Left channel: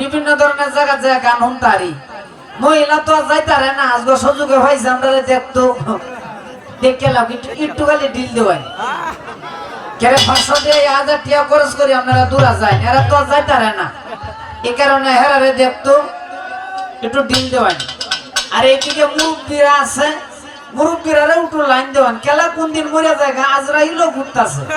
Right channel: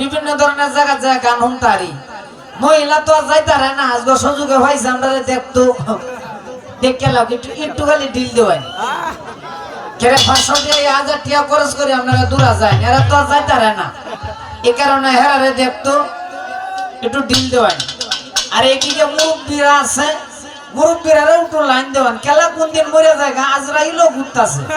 বিভিন্ন ধরনের জায়গা জায়গা গান শুনতারি মহিলা তো যাইতারে না আজকে সুযোগে হয়েছে, আমরা দেখতো। দেখে লাভ একটু একটু খালি ডিল দেওয়াই কেরে পাঁচশো দিয়ে হাজার টিয়া খরচ করে আপনারা দূরা যায়, এরা তো যাইতারে না। এ কারণে হেরারে দেখতো, একটু ডিল দেওয়ান আর এদিকে মুরব্বীরা আছে, মুরব্বীরা একটু লাইন দেওয়ান। খেলা কোন দিন মরে যায় আজরাইলও ঘুরতাছে।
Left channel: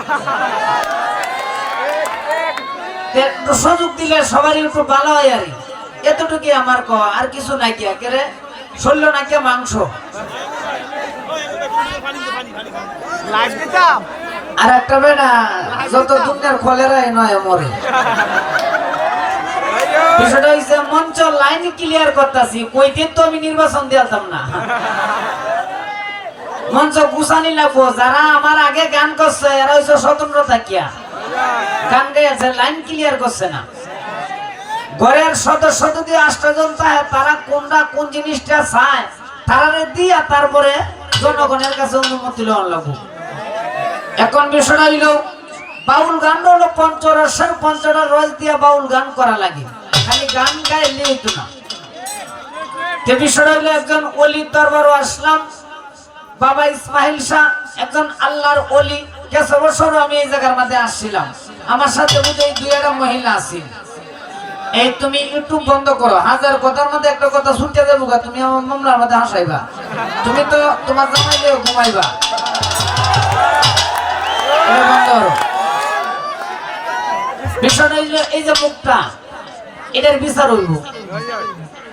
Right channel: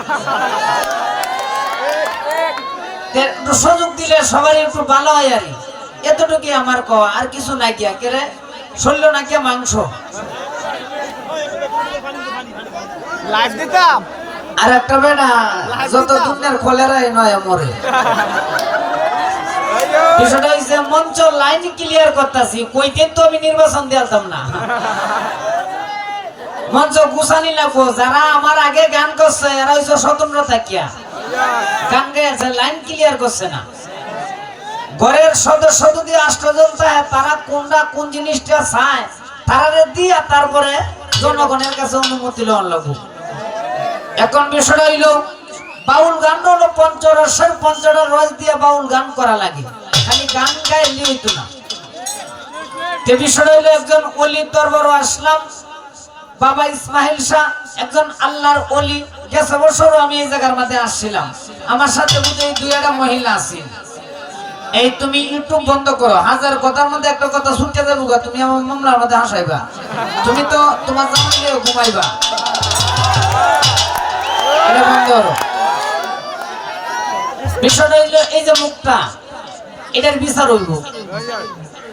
একটু সুযোগ দিলে সবারই একটু ভালো হয় আর কি। এতটুকুই আমার কওয়া আর কিছু নাই কি কেরে শরীর নাকি মাংস? আর একটা বেটা যত দুঃখের নয় মরে। বিষয়টা মঞ্চ লাইন ক্লিয়ার করতেছি কই দিন তো আমি নির্বাচন দিয়ালতাম না। মঞ্চ গুছানি লাগবো যারা আমার আগে গান করছে এরা হইছে স্বতন্ত্র থাকিয়া। গান গাইছে লাইন ক্লিয়ার করছে না, ঘরের সদস্য যদি আষ্টজন চায়, তারা কোনটা কোন জিনিসটা চায় তারা দিয়া তারপরে জনগণের কাছে অনুমতি লওয়ার লাগবো। এখন বিষয়টা হইল, বাউল গান হলো পঞ্চরসের পঞ্চরস রস দিয়ে বাউল গান করা লাগে। খালি গান গাইলে হইতো না। বিষয়টা হইল একজন অলি দরবার আসলাম বাবা ইসমাইল শাহ একজন আল্লাহর অলি গেছে বছর আমি এই জায়গার মধ্যে আসছিলাম। আমার সাথে বুঝে দুই একটা মহিলা আছে এই তুমি ইউটিউব বন্ধ করো। হাজার কথার মধ্যে একটা কথা শুনতে যাব তুমি আমার মামলার মধ্যে হাসাইবা। তুমি তো তোমার জামাইলে ঘুমাইবা। এটার বিচার হইব।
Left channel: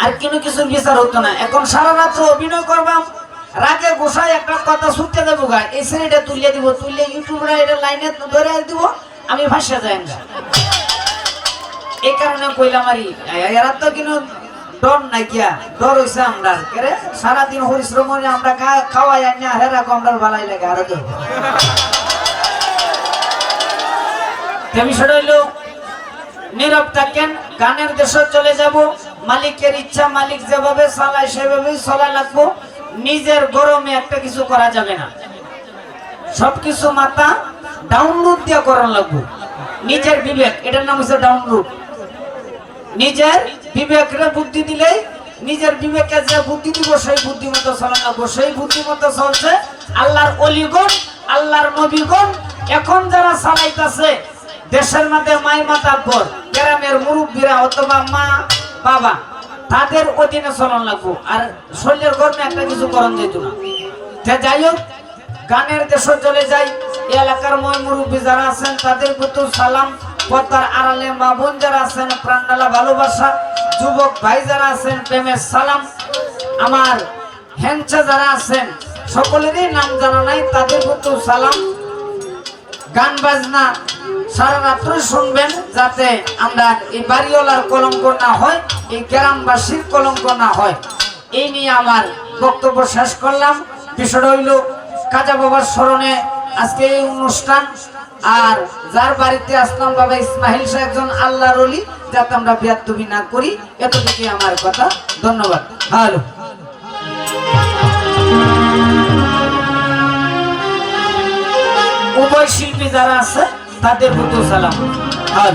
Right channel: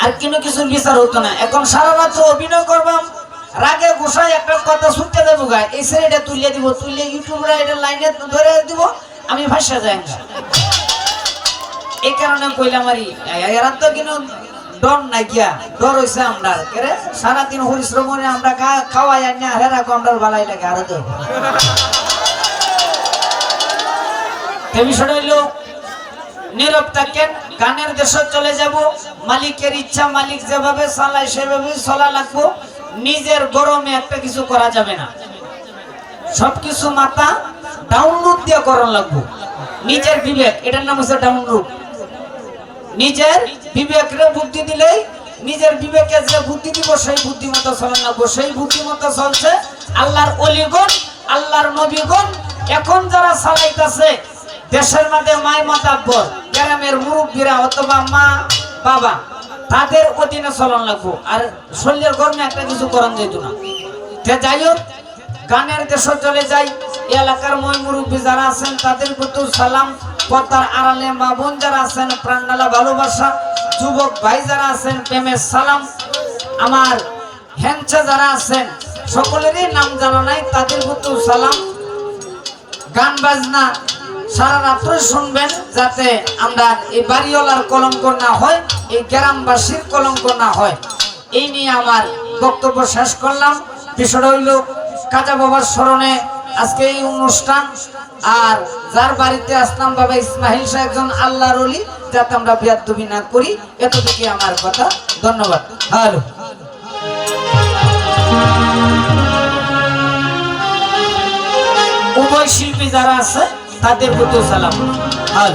আর কোনো কিছুর বিচার হতো না। এখন সারা রাত্র অভিনয় করবাম রাগে গোসায় একটা কথা শুনতে দেবো গা। এই এটা তুলিয়ে দিব তুললে ইউটিউবরা এটা লাইনে ধরে দিব, আমি ভাসে যাই না এই কারণে কইলাম আরি এরা তো কিন্তু ডর নাই গিয়া, ডর হইছে আমরা। কেরে সারাদিন করে আমরা খাওয়াই আনি, আর হেরা আমরা ভালাই লাগে, আরও তে বিষয়টা হইল, নীরব থাকেন, গানের দেশে চলে যাব, মালিকের ইচ্ছা মালিক যেভাবে চালায় সেভাবেই চলা লাগবো। নিজের গরমে একটা কিছু করা যাবে না। সবকিছু মাথা ডাউনলোড দিয়ে করা লাগবো। নিজের বিবেক, এটার নাম হচ্ছে ডাউনলোড নিজের বিবেকের বুদ্ধি দিলেই, নিজের বিবেকে যে বুদ্ধি দিব, সেই বুদ্ধি মতো চলে লাগবো সেই বুদ্ধি মতো চলছে আল্লাহর অলিগণ, আল্লাহর নবীগণ। এখন যারা চালাইতেছে, দেশের মধ্যে মাই মাতাব্বর গ্রামের মুরব্বীরা অথবা মা বাবা তাদের অধীনে চলন লাগবো। আর শরীরের গরমে একটা কিছু করণ যেত না। যাই হোক, গানের দেশে চলে যাই। এলাকার মই মুরব্বী যারা আছেন, তাদের প্রতি সালাম। পর্দার আড়ালে মা বোন যারা আছেন প্রাণডালা ভালোবাসা। যুবক ভাই যারা আছেন, প্রেমের সালাম। আমার হ্যাংচা যারা আছেন, সকলেরই নাম জানা নাই, তাদের প্রতি সালাম। গান বাজনা সারা রাত্র শুনবেন যাতে আমরা এই বাড়িওয়ালার কলঙ্ক না হয়, এই গ্রামবাসীর কলঙ্ক না হয়। এই নিয়ে আমার বক্তব্য শেষ করলাম। বিষয়টা হইল কাজা বাবার স্মরণে আজকে এই অনুষ্ঠান। আর যার বাড়িতে আসলাম বাবা ইসমাহিল শাহ একজন আল্লাহর অলি যাতে আমরা বিয়াদবি না করি, এতটুকুই আমার কথা। ধন্যবাদ। হ্যালো উভয় শিল্পী যারা আছে তাদের প্রতি সালাম। আর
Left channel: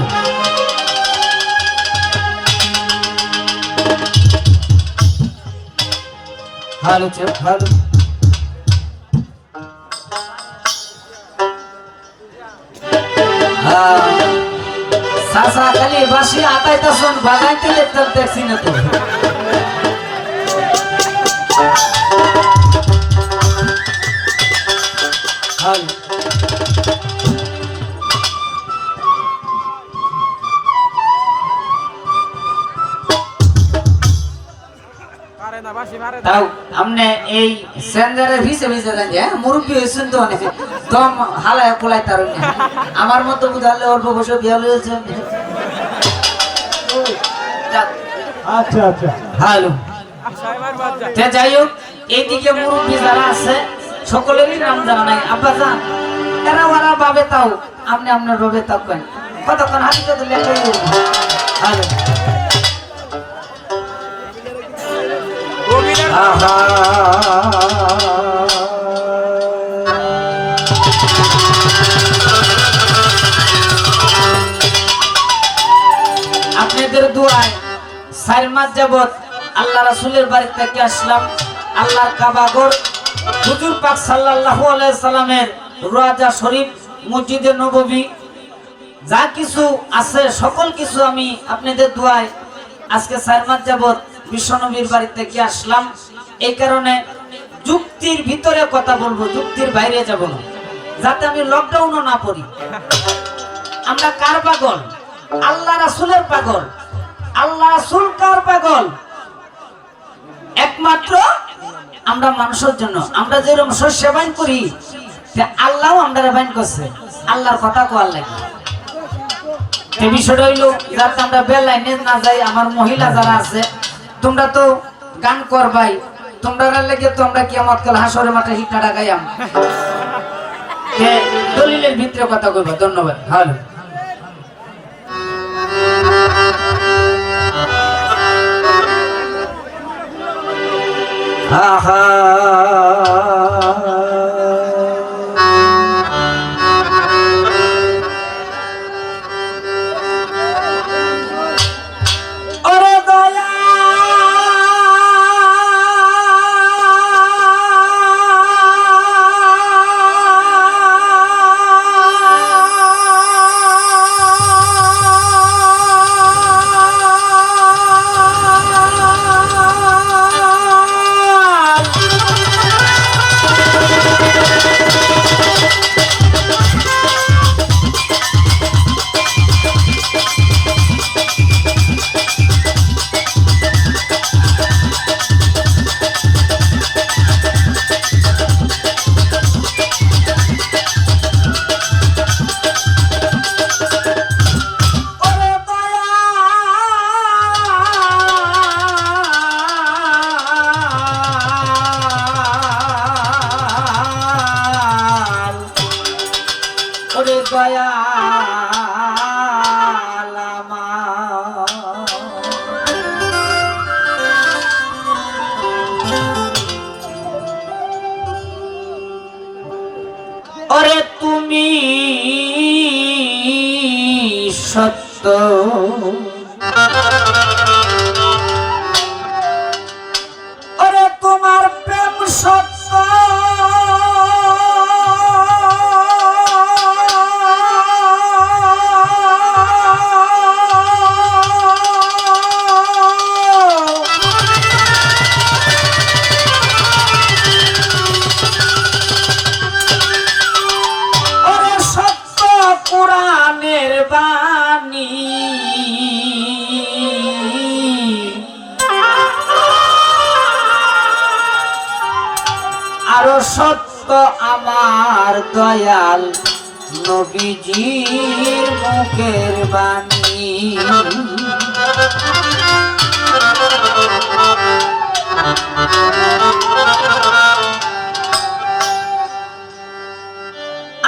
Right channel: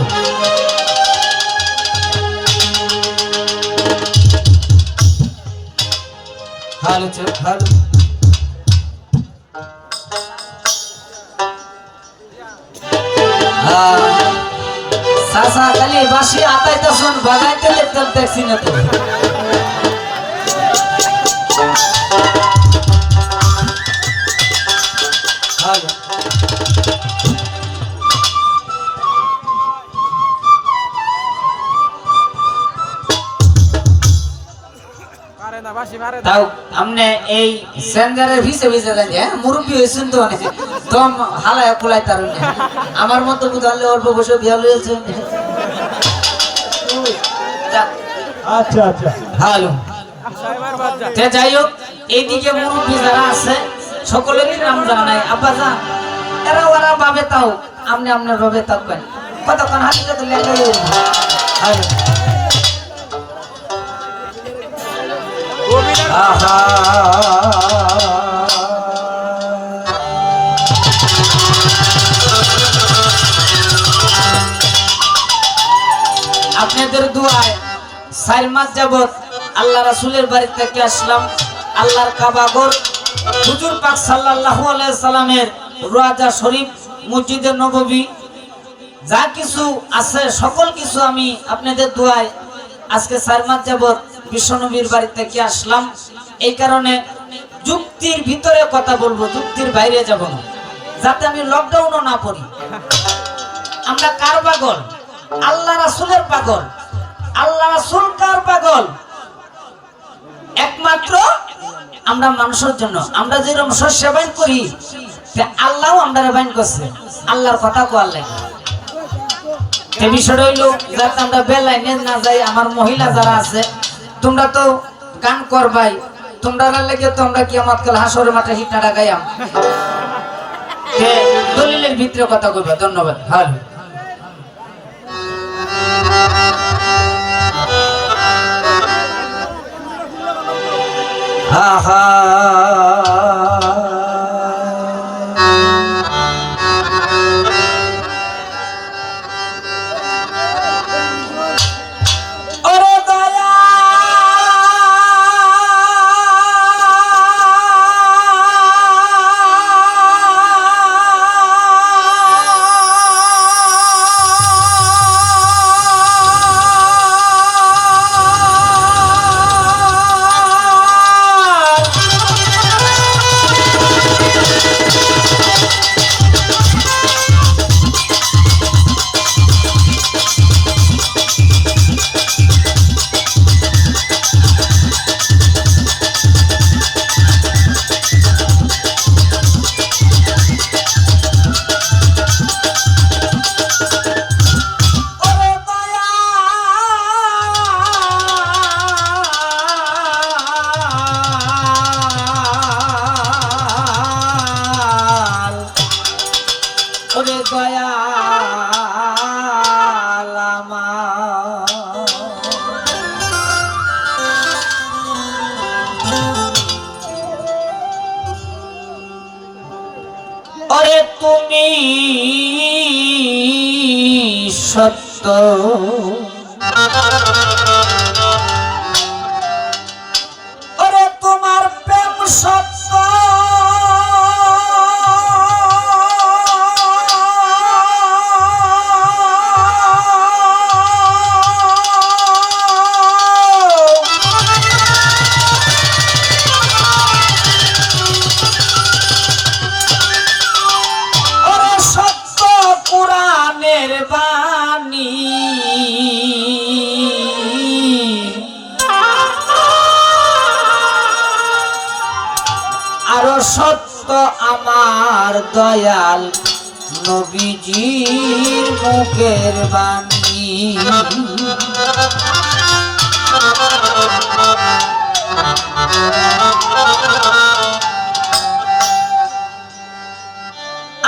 সাসা খালি বাসি আতাইতে শোন বাগাইতে লেখতে দেখছি না তো। তাও আমনে এই সেন্দারের ভিসে ভিসে দেন যে মুরব্বী হয়েছেন তো অনেক দম হালায় কুলাই তার আমার মতো বুঝালে অল্প বসে বিয়া লয়েছে আচ্ছা আচ্ছা। তে যাই হোক এইদিকে মুরব্বী যারা আছে সকলেরই নাম জানা নাই। আব্বা যান এরা ওরা বাবে তাও আপনি আপনার ভাবে থাকবেন কতক্ষণ হাতিতে দিলে হ্যালো। আপনাদের দোয়ায় চার মাস যাবত আল্লাহ রাসূলের বাড়ি থেকে আসলাম। আল্লাহর কাবাগর হুজুর পাক সাল্লাল্লাহু আলাইহি সাল্লামের রোজা শরীফ, মসজিদে নববী। যা কিছু আছে, সকল কিছু আমি আপনাদের দোয়ায় আজকে চার মাস যাবত বিশ্বনবীর বাড়ি থেকে আসলাম। এই কারণে যুক্তির ভিতরে কথা বলব, যুক্তির বাইরে যাব না। যাতে আমি লকডাউনও না পড়ি। আমরা কার পাগল? আল্লাহ রাসূলের পাগল। আল্লাহ রাসূল কার পাগল? একমাত্র আমরা মানুষের জন্য। আমরা যেরকম শস্য বাইন করি আল্লাহ আমরা বাইন করছে। আল্লাহর কথা কোয়ার লাগে? বিষয়টা হইল, যাতে আমরা বেলাইনে না যাই, আমার মহিলা যারা আছে তোমরা তো গান করবাই তোমরা গান লেগে তোমরা কি আমার কাল হাসরের মাঠে হিটনাটা ডাকাই দলিলের ভিতরে কথা কইবা, ধন্যবাদ। ভালো। আহা। তুমি সত্য।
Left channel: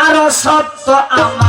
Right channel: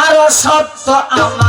আরও সত্য আমার